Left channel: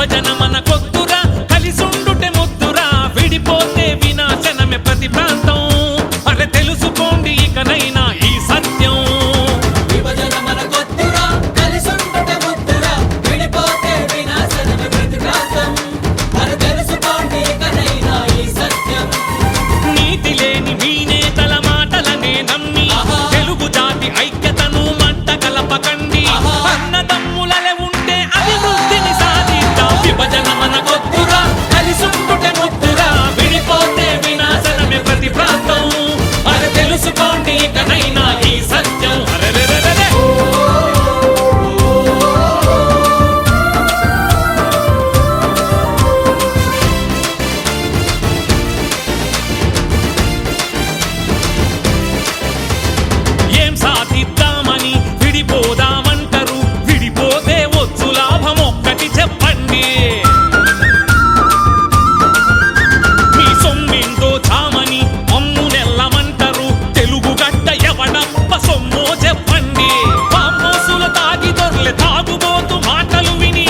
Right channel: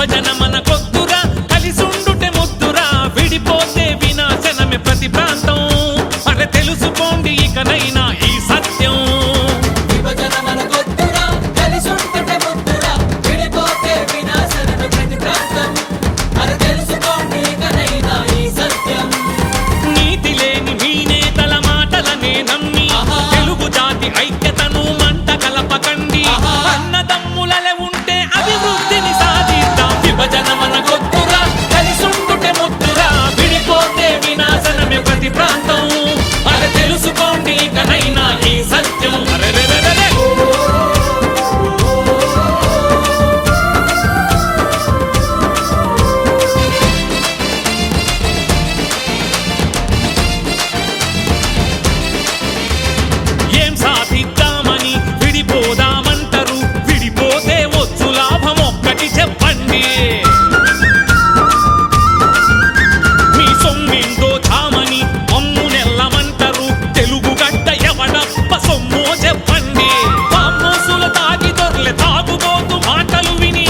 విభజన మనకొద్దురా, కలిసుండుటే ముద్దురా, విడిపోతే వినాశనమే ప్రతి ప్రాంతం. అరే తెలుసుకోండి ఇకనైనా ఈ సత్యం. నీతి లేని మీ నేతల మాటలనే నమ్మి తెలుగు జాతి ఐక్యతను మంట కలపకండి. అన్నదమ్ములలే ఉంటే అభివృద్ధిని సాధిద్దాం. విభజన మనకొద్దురా, కలిసుండుటే ముద్దురా, విడిపోతే వినాశనమే ప్రతి ప్రాంతం. అరే తెలుసుకోండి ఇకనైనా ఈ సత్యం. అరెరెరెరె ఏం సాధిద్దామని విడిపోదామంటారు, విడిపోతే వచ్చు లాభం ఒక్కటి చెప్పండి. మీ సొమ్మిందో చామని అమ్ము నెల్లమంటారు, తెలుగు గడ్డ ఎవడప్ప సొమ్మో చెప్పండి. పామోసులు తాగి దొర్లె తాగుబోతు మాటలు విని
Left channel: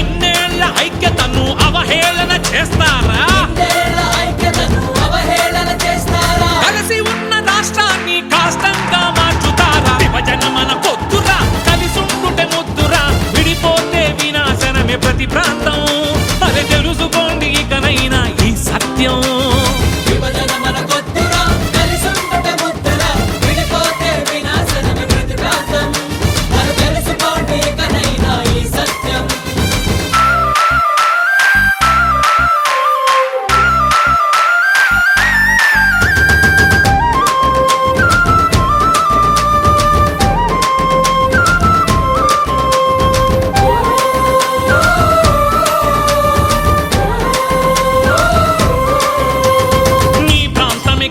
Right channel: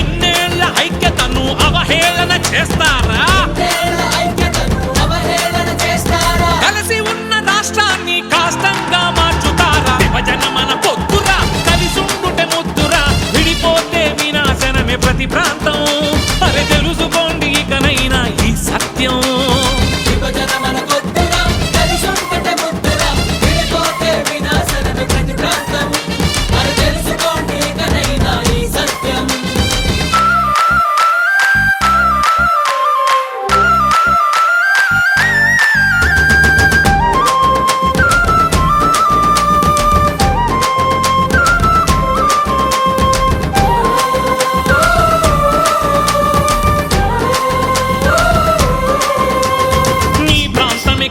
ఇన్నేళ్ల ఐక్యతను అవహేళన చేస్తారా? కలిసి ఉన్న రాష్ట్రాన్ని కాష్టంగా మార్చుతారా? విభజన మనకొద్దురా, కలిసుండుటే ముద్దురా, విడిపోతే వినాశనమే ప్రతి ప్రాంతం. అరే తెలుసుకోండి ఇకనైనా ఈ సత్యం.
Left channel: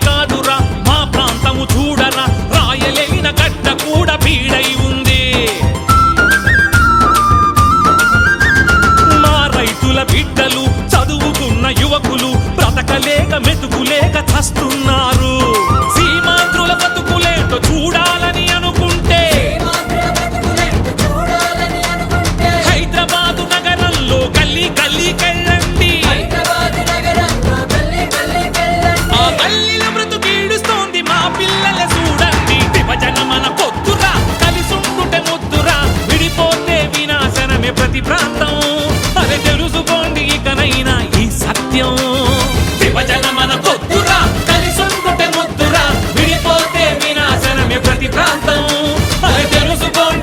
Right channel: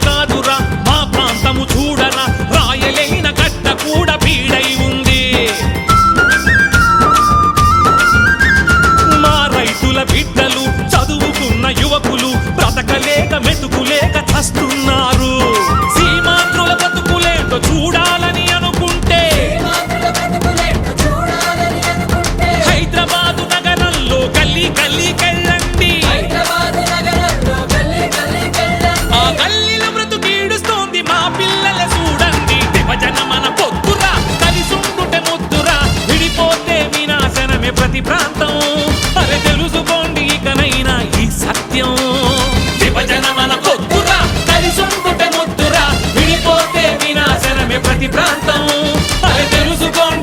కాదురా మా ప్రాంతము చూడరా, రాయలేని గడ్డ కూడా బీడై ఉంది. మా రైతుల బిడ్డలు, చదువుకున్న యువకులు బ్రతకలేక మెతుకులేక చస్తున్నారు. సీమాంధ్రుల బతుకులేంటో చూడాలని అనుకుంటే హైదరాబాదు నగరంలో గల్లీ గల్లీకెళ్ళండి. ఆ గల్లీల బ్రతుకీడుస్తోంది మా పిల్లల చూడండి. విభజన మనకొద్దురా, కలిసుండుటే ముద్దురా, విడిపోతే వినాశనమే ప్రతి ప్రాంతం. అరే తెలుసుకోండి ఇకనైనా ఈ సత్యం. విభజన మనకొద్దురా, కలిసుండుటే ముద్దురా, విడిపోతే వినాశనమే ప్రతి ప్రాంతం. అరే తెలుసుకోండి